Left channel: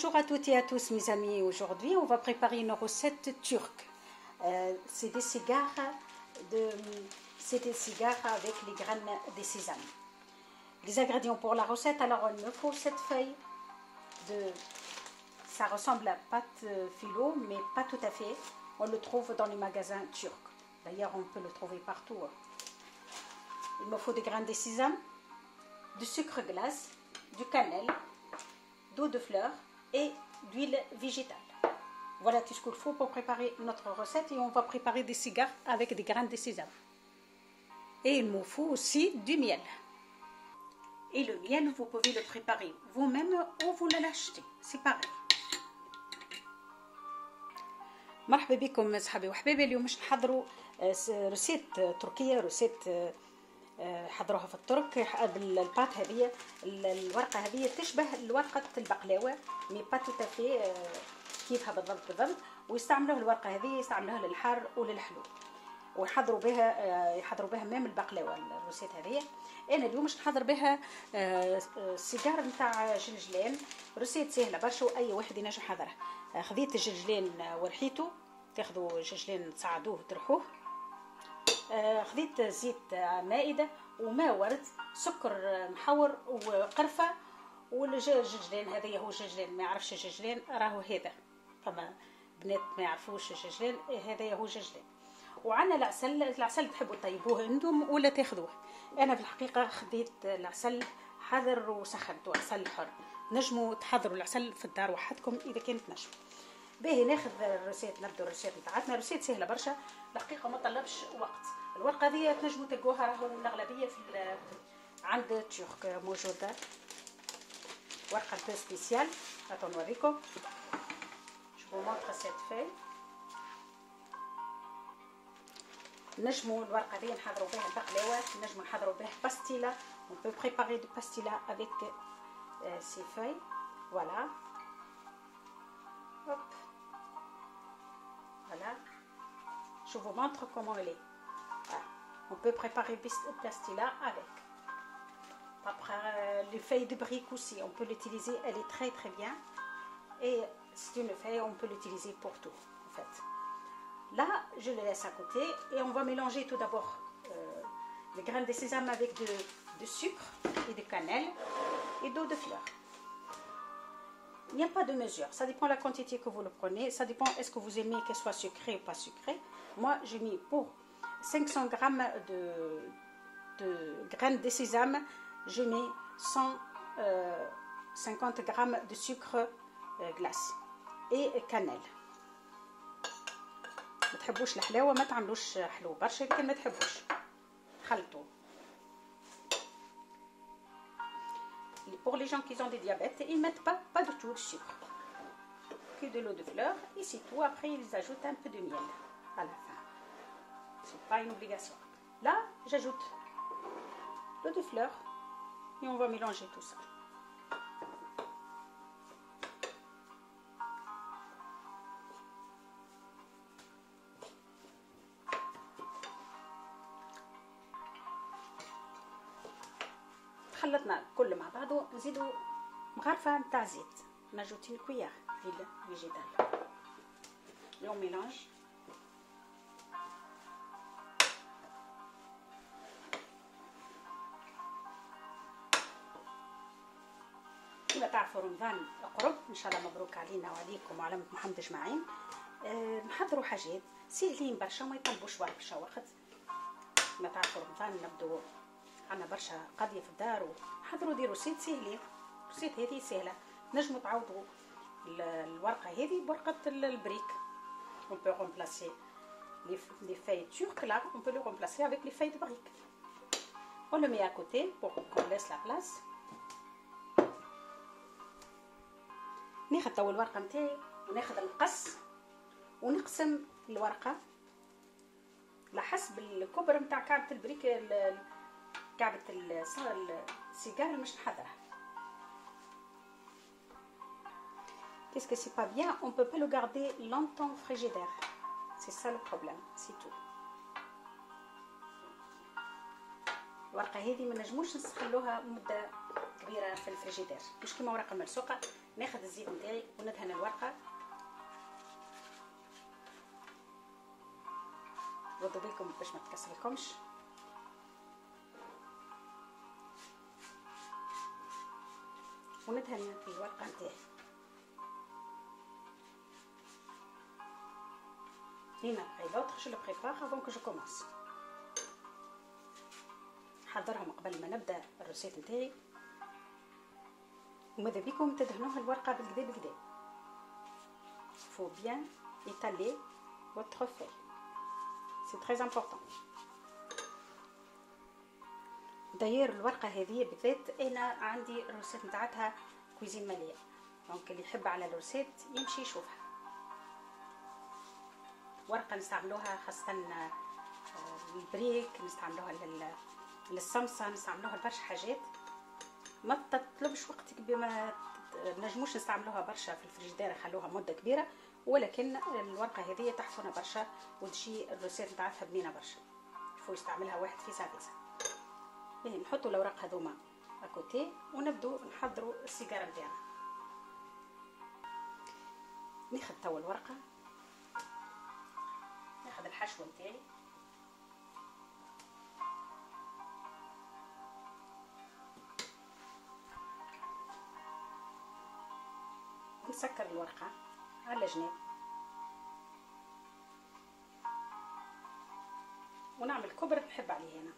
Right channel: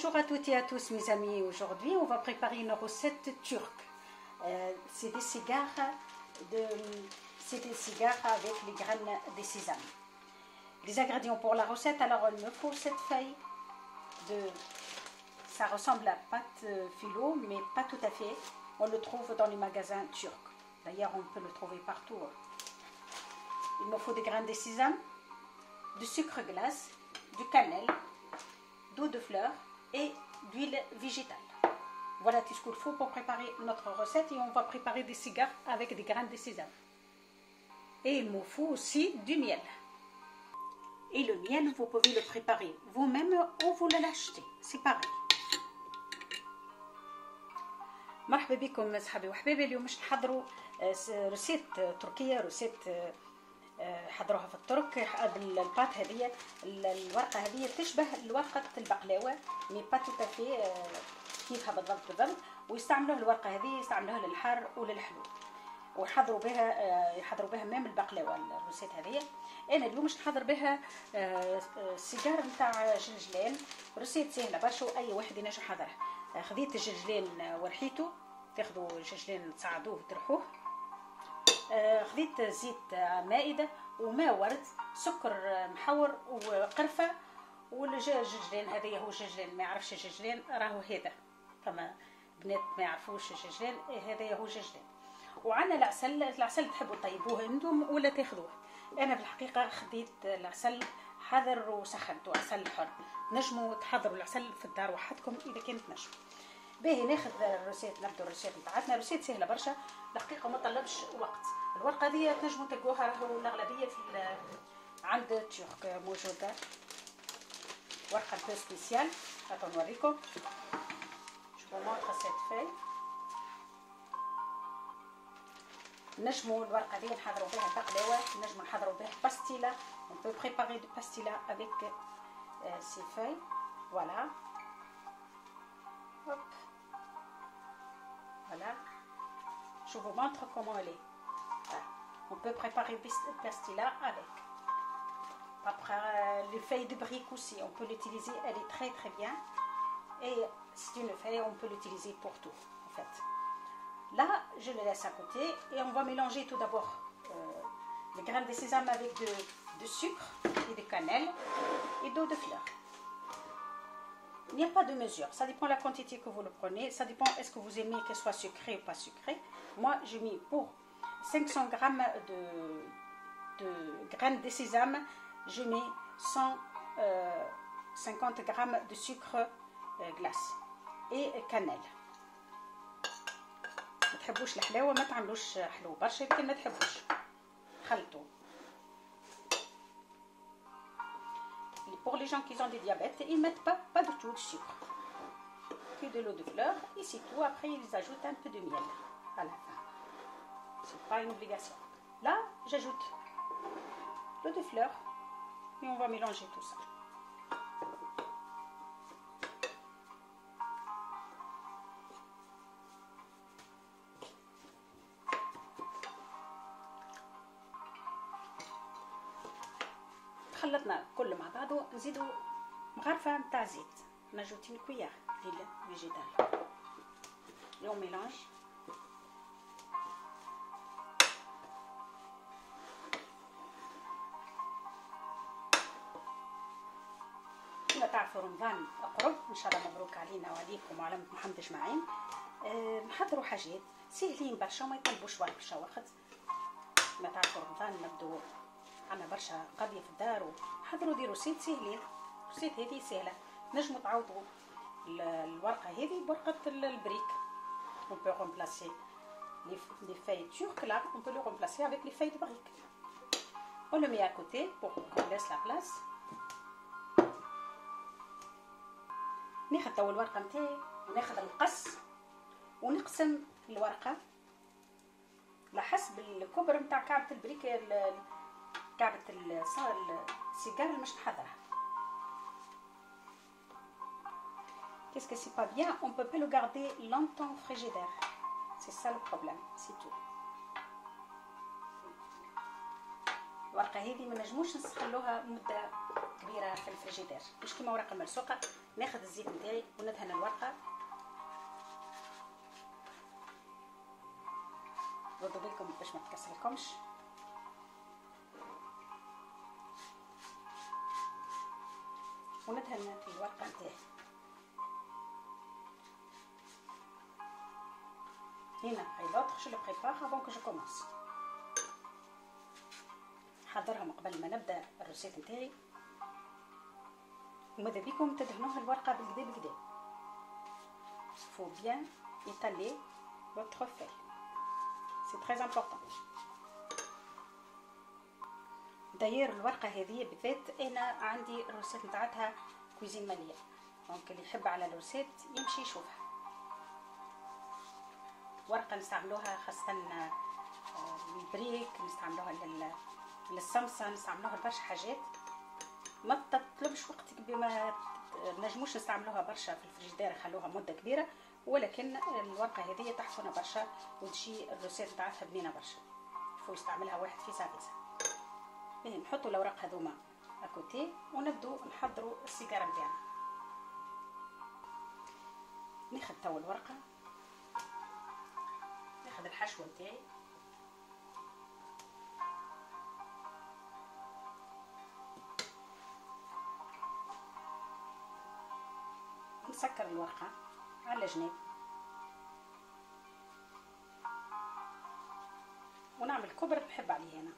Bonjour à toutes et à tous mes amis, aujourd'hui on va préparer une recette turque. C'est des cigares avec les graines de sésame. Les ingrédients pour la recette, alors il me faut cette feuille ça ressemble à pâte phyllo mais pas tout à fait. On le trouve dans les magasins turcs. D'ailleurs on peut le trouver partout. Il me faut des graines de sésame, du sucre glace, du cannelle, d'eau de fleur et d'huile végétale. Voilà tout ce qu'il faut pour préparer notre recette, et on va préparer des cigares avec des graines de sésame. Et il me faut aussi du miel. Et le miel, vous pouvez le préparer vous-même ou vous l'achetez, c'est pareil. مرحبا بكم صحابي وحبايبي. اليوم باش نحضروا رسيت تركيه، رسيت حضروها في الترك. الباط هذه الورقه هذه تشبه ورقه البقلاوه مي با تو تافي كيفها بالضبط، ويستعملوه الورقه هذه يستعملوها للحار وللحلو، ويحضروا بها ميم البقلاوه. الرسيت هذه انا اليوم باش نحضر بها سيجار نتاع جلجلان. رسيت سهله برشا واي واحد ينجم يحضرها. خذيت الجلجلان ورحيته، تاخذوا الجلجلان تصعدوه وترحوه. خذيت زيت مائده وماء ورد، سكر محور وقرفه. والجلجلان هذا هو الجلجلان، ما يعرفش الجلجلان راهو هذا، فما بنات ما يعرفوش الجلجلان، هذا هو الجلجلان. وعندنا العسل تحبوا طيبوه انتم ولا تاخذوه. انا في الحقيقه خذيت العسل حذر وسخنته، عسل حر. نجموا تحضروا العسل في الدار وحدكم اذا كانت نجم. باهي ناخذ الرسيت، نبدو الرسيت نتاعتنا. الرسيت سهله برشا الحقيقه، ما طلبش وقت. الورقه هذه تنجموا تلقوها راهو الاغلبيه في عند الترك موجوده. ورقه بو سبيسيال، هاتو نوريكم. شوفوا مونطر سيت فاي. نجموا الورقه هذه نحضروا بها البقلاوه، نجموا نحضروا بها باستيلا. On peut préparer du pastilla avec ces feuilles. Voilà. Hop. Voilà. Je vous montre comment elle est. Voilà. On peut préparer du pastilla avec. Après, les feuilles de brique aussi, on peut l'utiliser. Elle est très très bien. Et c'est une feuille, on peut l'utiliser pour tout, en fait. Là, je le laisse à côté et on va mélanger tout d'abord les graines de sésame avec de sucre et de cannelle et d'eau de fleur. Il n'y a pas de mesure, ça dépend de la quantité que vous le prenez, ça dépend est-ce que vous aimez qu'elle soit sucrée ou pas sucrée. Moi, j'ai mis pour 500 grammes de graines de sésame, je mets 150 grammes de sucre glace et cannelle. ما تحبوش الحلاوه ما تعملوش حلو برشا، لكن ما تحبوش خلطوا. Pour les gens qui ont des diabètes, ils mettent pas du tout de sucre, que de l'eau de fleur et c'est tout. Après ils ajoutent un peu de miel à la fin, c'est pas une obligation. Là j'ajoute l'eau de fleur et on va mélanger tout ça. خلطنا كل مع بعضه. نزيدوا مغرفه نتاع زيت، نجوتي الكويار ديال الفيجيتال. لو ميلانج. كما تعرفوا رمضان قرب ان شاء الله، مبروك علينا وعليكم وعلى محمد اجمعين. نحضروا حاجات سهلين برشا وما يطلبوش برشا وقت. كما تعرفوا رمضان نبدو عنا برشا قضية في الدار، وحضروا ديروا رسيت سهلين. الرسيت هذه سهلة، نجموا تعوضوا الورقة هذه بورقة البريك. On peut remplacer les feuilles turques là, on peut le remplacer avec les feuilles de brique. On le met à côté pour qu'on laisse la place. ناخذ تو الورقة نتاعي وناخذ المقص ونقسم الورقة على حسب الكبر نتاع كعبة البريك، كعبة السيجار اللي مش نحضرها. Qu'est-ce que c'est pas bien, on peut pas le garder longtemps au frigidaire. C'est ça le problème, c'est tout. الورقة هذه ما نجموش نخلوها مدة كبيرة في الفريجيدير، مش كيما ورقة ملصوقة ناخذ الزيت نتاعي وندهن الورقه. خدوا بالكم باش ما تكسرلكمش. وندهن الورقه نتاعي. هنا اي d'autres je le prépare avant que je commence. نحضرهم قبل ما نبدا الروسيت نتاعي. وماذا بيكم تدهنوها الورقه بالكدا بالكدا. faut bien étaler votre feuille. c'est très important. داير الورقه هذه بالذات انا عندي الروسيت نتاعتها كويزين ماليه، دونك اللي يحب على الروسيت يمشي يشوفها. ورقه نستعملوها خاصه للبريك، نستعملوها للصمصه، نستعملوها لبرشا حاجات. ما تطلبش وقتك بما نجموش نستعملوها برشا في الفريجيدير، خلوها مده كبيره، ولكن الورقه هذه تحسن برشا وتجي الروسيت نتاعتها بنينه برشا. فو يستعملها واحد في ساعتها. باهي نحطوا الاوراق هذوما اكوتي ونبدو نحضروا السيجاره نتاعنا. ناخذ توا الورقه، ناخذ الحشوه نتاعي، نسكر الورقه على جنب ونعمل كبرة نحب عليه هنا.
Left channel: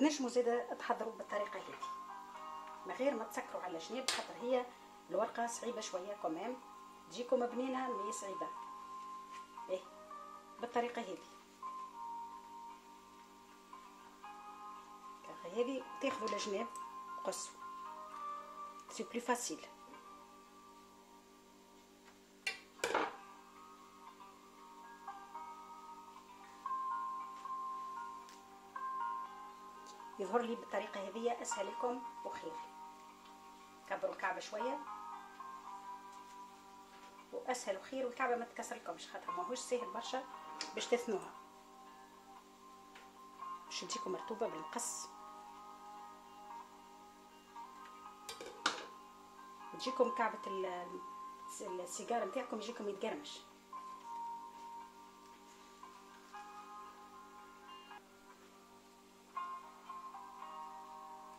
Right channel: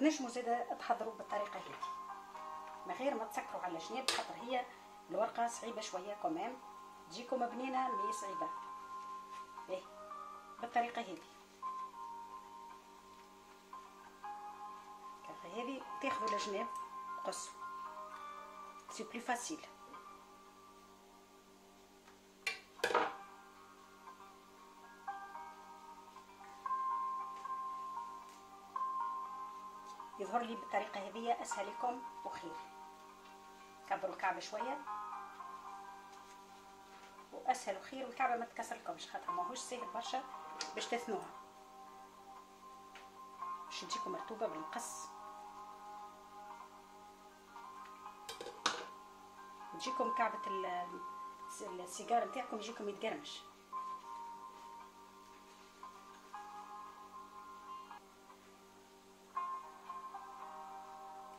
نجموا زاده تحضروا بالطريقه هذه من غير ما تسكروا على جناب، خاطر هي الورقه صعيبه شويه كمان، تجيكم بنينه مي صعيبه. ايه بالطريقه هذه. هذه تاخذوا الجناب قصوا، سي بلو فاسيل. يظهر لي بالطريقه هذه اسهل لكم وخير. كبروا الكعبه شويه واسهل وخير، والكعبه ما تكسرلكمش خاطر ماهوش ساهل برشا باش تثنوها، باش تجيكم مرطوبه بالمقص، تجيكم كعبه السيجار نتاعكم يجيكم يتقرمش.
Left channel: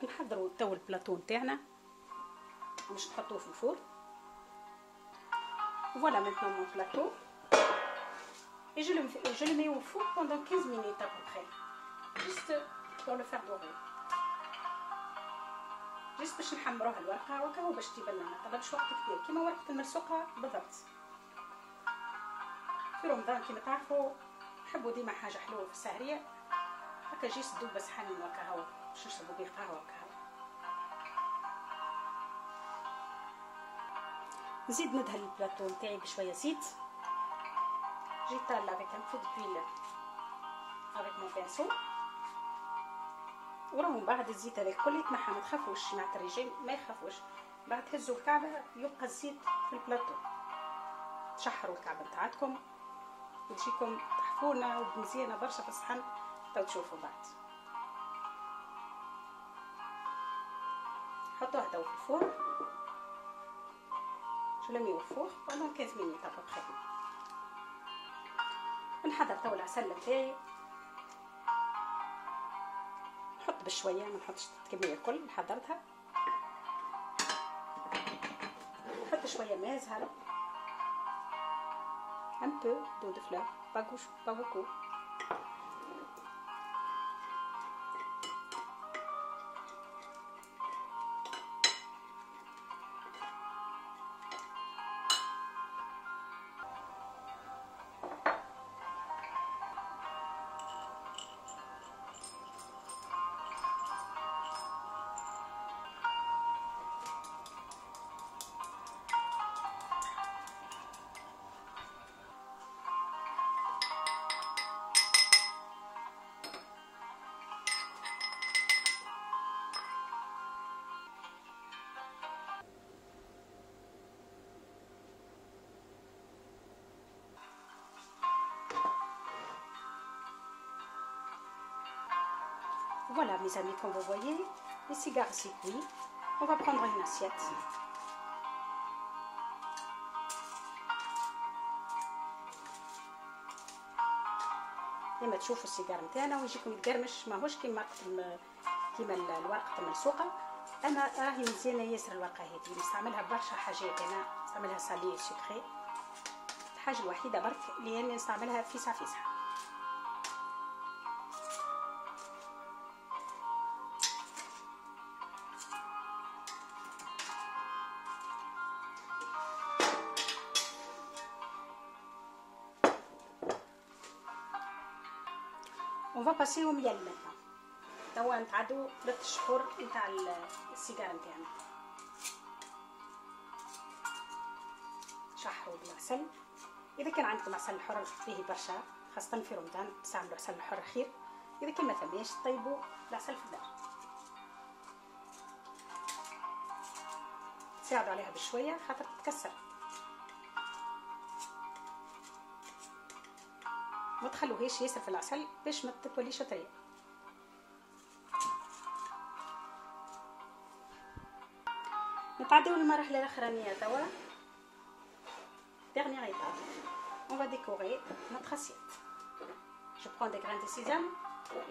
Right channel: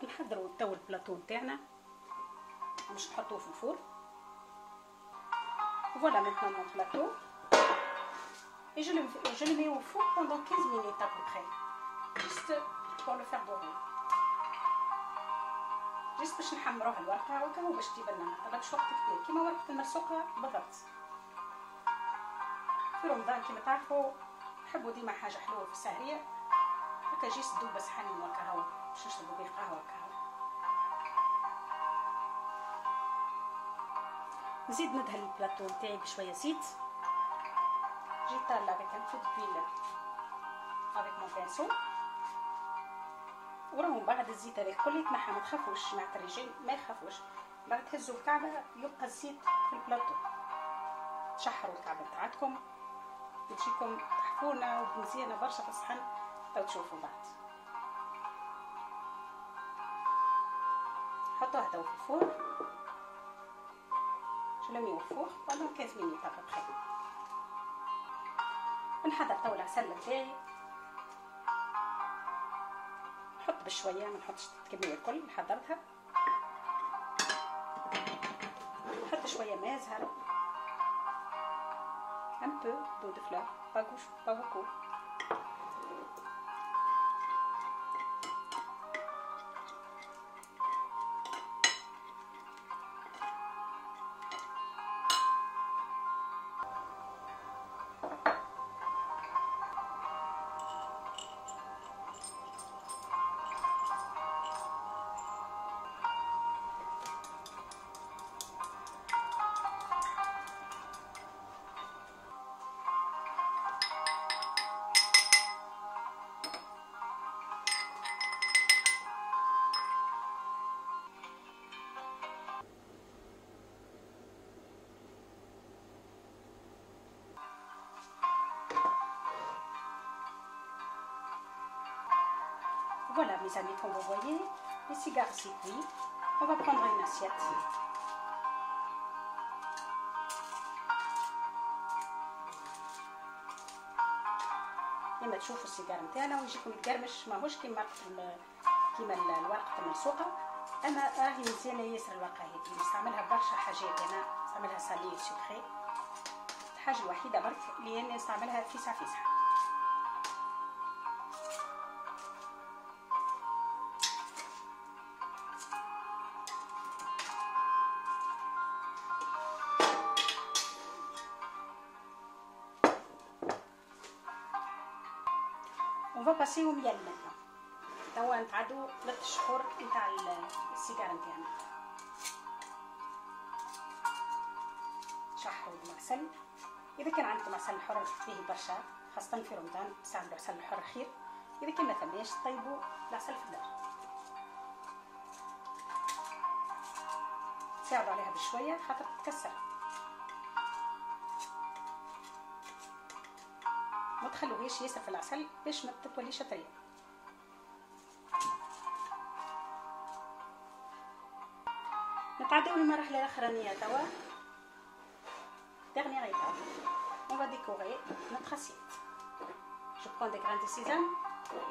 نحضروا تو البلاطو نتاعنا باش نحطوه في الفرن. Voilà maintenant mon plateau et je le mets au four pendant 15 minutes à peu près, juste pour le faire dorer, juste باش نحمروه الورقه وكهو باش تجيب لنا ما تاخذش وقت كبير كيما ورقه المرسوقه بالضبط. في رمضان كيما تعرفوا نحبوا ديما حاجه حلوه في السهريه، هكا جي سدوا بس حن وكهو باش نشربوا بيه قهوه وكهو. نزيد ندهن البلاطو نتاعي بشويه زيت. جيت طالع avec un peu d'huile avec mon pinceau، وراهم بعد الزيت هذا الكل يتنحى. ما تخافوش مع الرجال، ما يخافوش، بعد تهزوا الكعبه يبقى الزيت في البلاطو. تشحروا الكعبه نتاعتكم وتجيكم تحفونه ومزيانه برشا في الصحن. تو تشوفوا بعد. حطوها تو في الفرن. Je le mets au four pendant 15 minutes à peu près. نحضر تو العسل نتاعي، نحط بشويه، ما نحطش الكميه الكل حضرتها. نحط شويه ماء زهر، un peu d'eau de fleur, pas beaucoup. Voilà mes amis, comme vous voyez, les cigares c'est cuit. On va prendre une assiette. كما تشوفوا السيجار نتاعنا ويجيكم يتقرمش، ماهوش كيما الورقه الملصوقه، اما راهي مزيانه ياسر الورقه هذه. نستعملها برشا حاجات، انا نستعملها سالي سكري. الحاجه الوحيده برك اللي انا نستعملها فيسع. On va passer au miel maintenant. توا نتعدو 3 شهور نتاع السيجار نتاعنا. شحروا بالعسل. إذا كان عندكم عسل حر فيه برشا، خاصة في رمضان تستعملوا عسل حر خير. إذا كان ما ثماش طيبوا العسل في الدار. تساعدوا عليها بشوية خاطر تتكسر. ما تخلوهاش ياسر في العسل باش ما تتوليش طريه. نتعداو للمرحله الاخرانيه توا. dernière étape, on va décorer notre assiette. Je prends des grains de sésame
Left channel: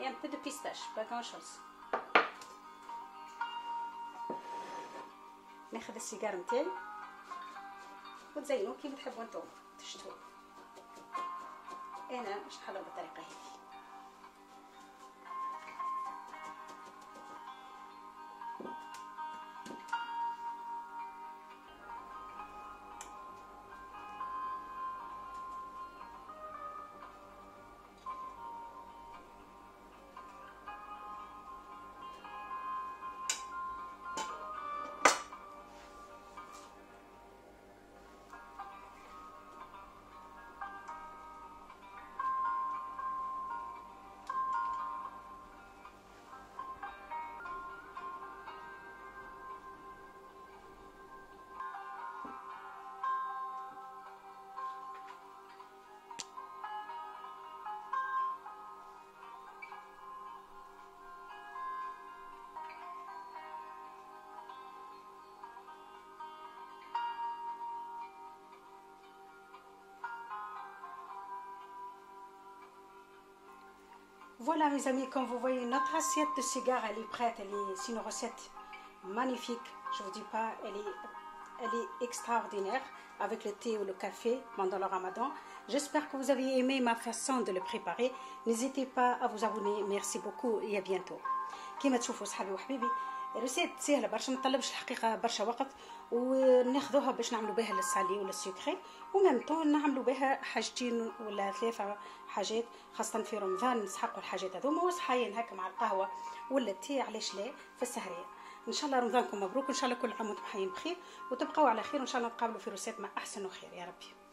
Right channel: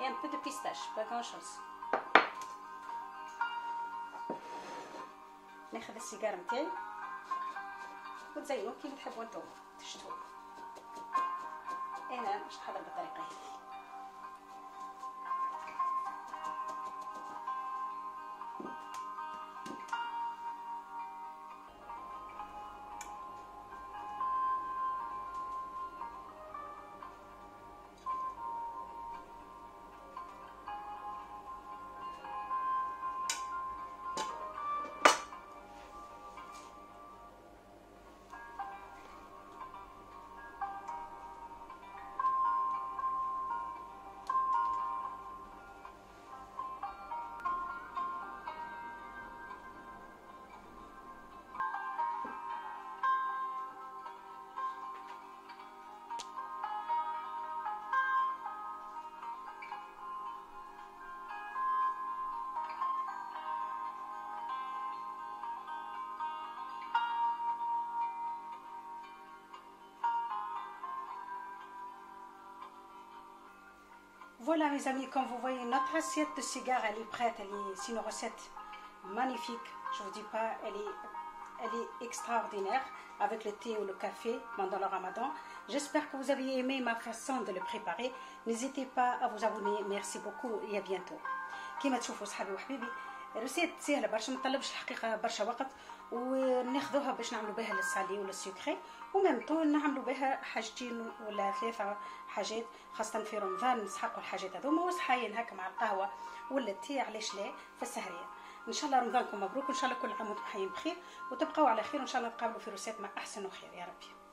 et un peu de pistache, pas grand chose. ناخذ السيجار نتاعي وتزينوه كيما تحبوا نتوما تشتوه. أنا باش نحضر بالطريقة هذه. Voilà mes amis, comme vous voyez, notre assiette de cigares elle est prête. C'est une recette magnifique. Je vous dis pas, elle est extraordinaire avec le thé ou le café pendant le ramadan. J'espère que vous avez aimé ma façon de le préparer. N'hésitez pas à vous abonner. Merci beaucoup et à bientôt. كما تشوفوا صحابي وحبيبي ريسيت سهله برشا، ما تطلبش الحقيقه برشا وقت، وناخذوها باش نعملوا بها للسالي ولا السكري، ومن طون نعملوا بها حاجتين ولا 3 حاجات، خاصه في رمضان نسحقوا الحاجات هذوما وصحاين هكا مع القهوه ولا التي، علاش لا في السهريه. ان شاء الله رمضانكم مبروك، ان شاء الله كل عام وانتم حيين بخير وتبقوا على خير، وان شاء الله نتقابلوا في روسيت مع احسن وخير يا ربي.